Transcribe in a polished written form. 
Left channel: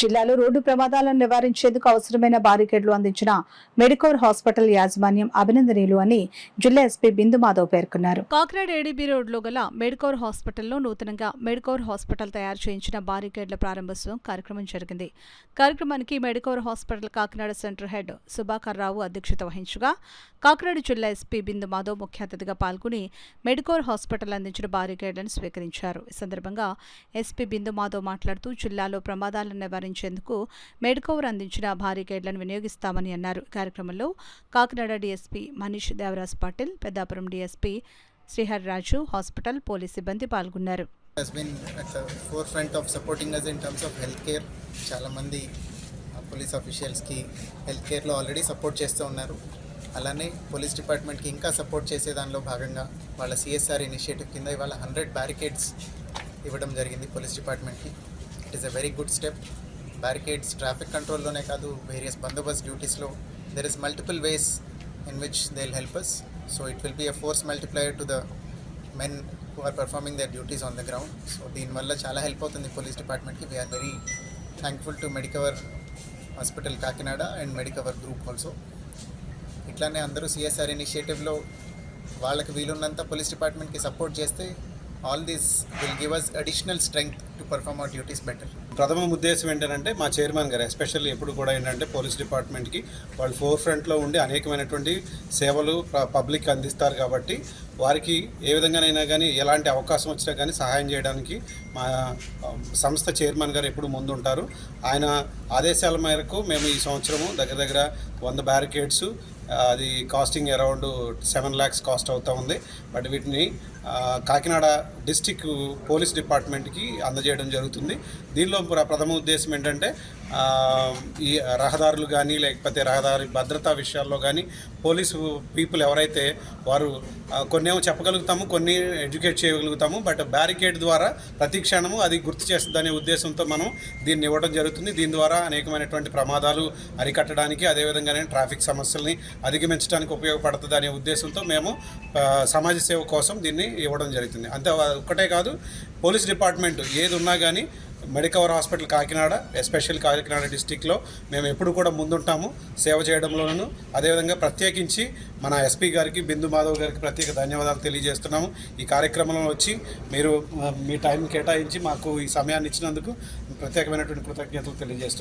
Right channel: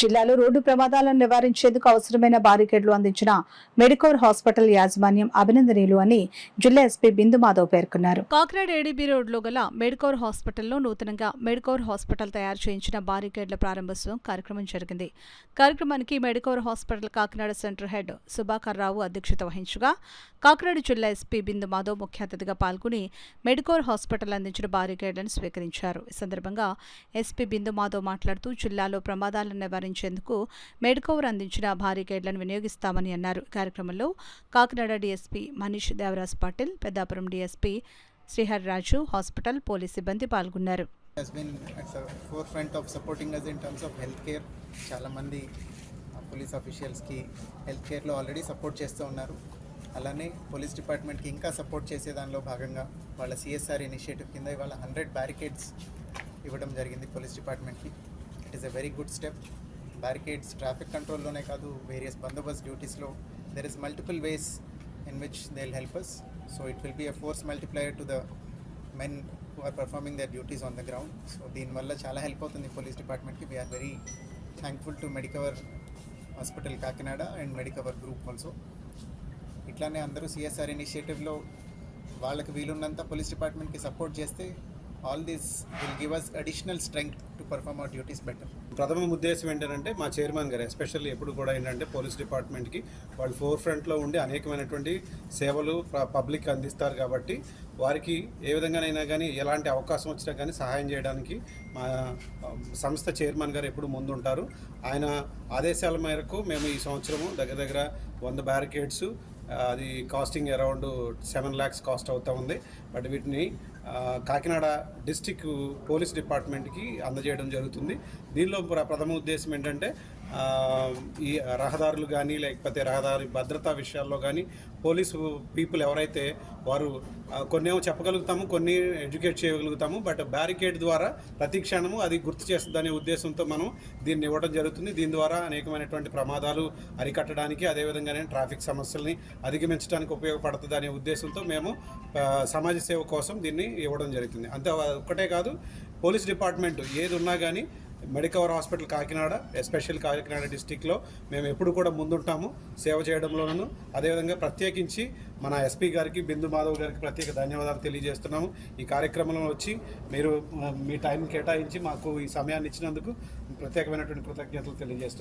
జిల్లాలో రోడ్డు ప్రమాదాలను నివారించేందుకు అవసరమైన బారికేడ్లు అందించిన మెడికోర్ హాస్పిటల్ యాజమాన్యం అభినందనీయులు అని జిల్లా ఎస్పీ బిందు మాధవ్ పేర్కొన్నారు. కాకినాడ ఏడీబీ రోడ్లో గల మెడికోర్ హాస్పిటల్లో నూతనంగా మెడికోర్ హాస్పిటల్ తయారు చేయించిన బారికేడ్ల ప్రారంభోత్సవం కార్యక్రమం జరిగింది. కార్యక్రమానికి Medicover hospital Kakinada centre head Subhakar Rao అధ్యక్షత వహించగా కాకినాడ జిల్లా ఎస్పీ బిందు మాధవ్ ముఖ్య అతిథిగా పాల్గొని మెడికోర్ హాస్పిటల్ అందించిన బారికేడ్లను స్వీకరించారు. ఈ సందర్భంగా ఎస్పీ బిందు మాధవ్ మాట్లాడుతూ జిల్లాలో ప్రమాదాలను నివారించేందుకు మెడికోర్ అందించిన బారికేడ్లను వినియోగిస్తామని అన్నారు. కార్యక్రమంలో కాకినాడ డీఎస్పీ మనీష్ దేవరాజ్ పాటిల్, పెద్దాపురం డీఎస్పీ శ్రీహర్ రాజు, హాస్పిటల్ పోలీస్ సిబ్బంది పాల్గొన్నారు. చాలా మంది పోలీస్ ఆఫీషియల్స్కి హెల్త్ కేర్లో ఆల్రెడీ సపోర్ట్ చేస్తూ ఉన్నారు. అలానే పోలీస్ డిపార్ట్మెంట్కి ఇంకా సపోర్ట్ చేసే దానిలో భాగంగా వాళ్ళ సిఎస్ఆర్ ఇనిషియేటివ్ కింద ఇవాళ 100 బ్యారికేడ్స్ ఇవ్వడం జరిగింది పోలీస్ డిపార్ట్మెంట్కి. It is a very good step. Barricades traffic కంట్రోల్లోనే కాదు, వేరియస్ బందోబస్త్ డ్యూటీస్లో there is multiple ways in which they will help us. So it will be a force multiplier to the men who are performing their duties on the ground. So దీనివల్ల చాలా help అవుతుంది police డిపార్ట్మెంట్కి. We're very thankful to Medicover hospital Kakinada and Medicover group also. ఇట్లానే అందరూ CSR ఇనిషియేటివ్లో వాళ్ళకి వీలున్నంత police డిపార్ట్మెంట్కి support చేస్తే all these will give us additional strength to perform our duties better. ప్రథమ ఉద్దేశం ఏంటంటే మా చైర్మన్ గారు ఎస్పెషల్లీ ఎప్పుడు కూడా ఏంటంటే పోలీస్ డిపార్ట్మెంట్కి వాళ్ళు ఫోర్ ఫ్రంట్లో ఉండి అనేకమైనటువంటి సేవలు పబ్లిక్ అందిస్తారు. కాబట్టి వారికి ఏ విధంగానైనా కానీ ఎలాంటి అవకాశం వచ్చినా కానీ సహాయం చేయడానికి మా సంస్థ చైర్మన్ గారు ఎప్పుడు ముందుంటారు. ఆయన ఆదేశాల మేరకు మేము ఈ సంవత్సరము దగ్గర 100 బ్యారికేడ్స్, అది కాస్టింగ్ అరౌండ్ 7 lakhs కాస్ట్ అవుతూ ఉంది. బట్ వీటిని కాకినాడ డిస్టిక్ పోలీస్ డిపార్ట్మెంట్కి అందజేయడం జరుగుతుంది. దీనిలో ప్రథమ ఉద్దేశం ఏంటంటే ఈ రహదారులు కానీ లేకపోతే రహదారి భద్రతా విషయాల్లో కానీ పోలీసు పీపుల్ ఎవరైతే వారు కొన్నేమో చెప్పగలుగుతాము, కొన్ని ఎడ్యుకేట్ చేయగలుగుతాము. బట్ బ్యారికేడ్ ద్వారా ప్రతి క్షణము అది గుర్తు చేస్తుందనే ఉద్దేశంతో మనం దీన్ని ఇవ్వడం జరుగుతుంది. దీని ద్వారా అనేకమైనటువంటి ప్రమాదాలు అరికట్టడానికి, అదేవిధంగానే ట్రాఫిక్ సమస్యల్ని అధిగమించడానికి ఉపయోగపడుతుంది అనే ఉద్దేశంతో మేము సమాజ సేవ కోసం దీన్ని ఇవ్వడం జరుగుతుంది. అంతే ఒక్కటే కాదు, పోలీస్ డిపార్ట్మెంట్ ఏది ఉన్నా కానీ Medicover hospital Kakinada, special Kakinada డిస్టిక్లో మేము ఎప్పుడు కూడా ముందుంటాము సేవ చేయడంలోనూ. అదేవిధంగా ప్రత్యేకించి మన ఎస్పీ గారికి, బిందు మాధవ్ గారికి ప్రత్యేక ధన్యవాదాలు తెలియజేస్తున్నాము. ఈ కార్యక్రమంలో వచ్చి మీరు మీ టైం కేటాయించి మాకు ఈ సమయాన్ని ఇచ్చినందుకు ప్రత్యేకమైనటువంటి కృతజ్ఞతలు తెలియజేస్తున్నాము.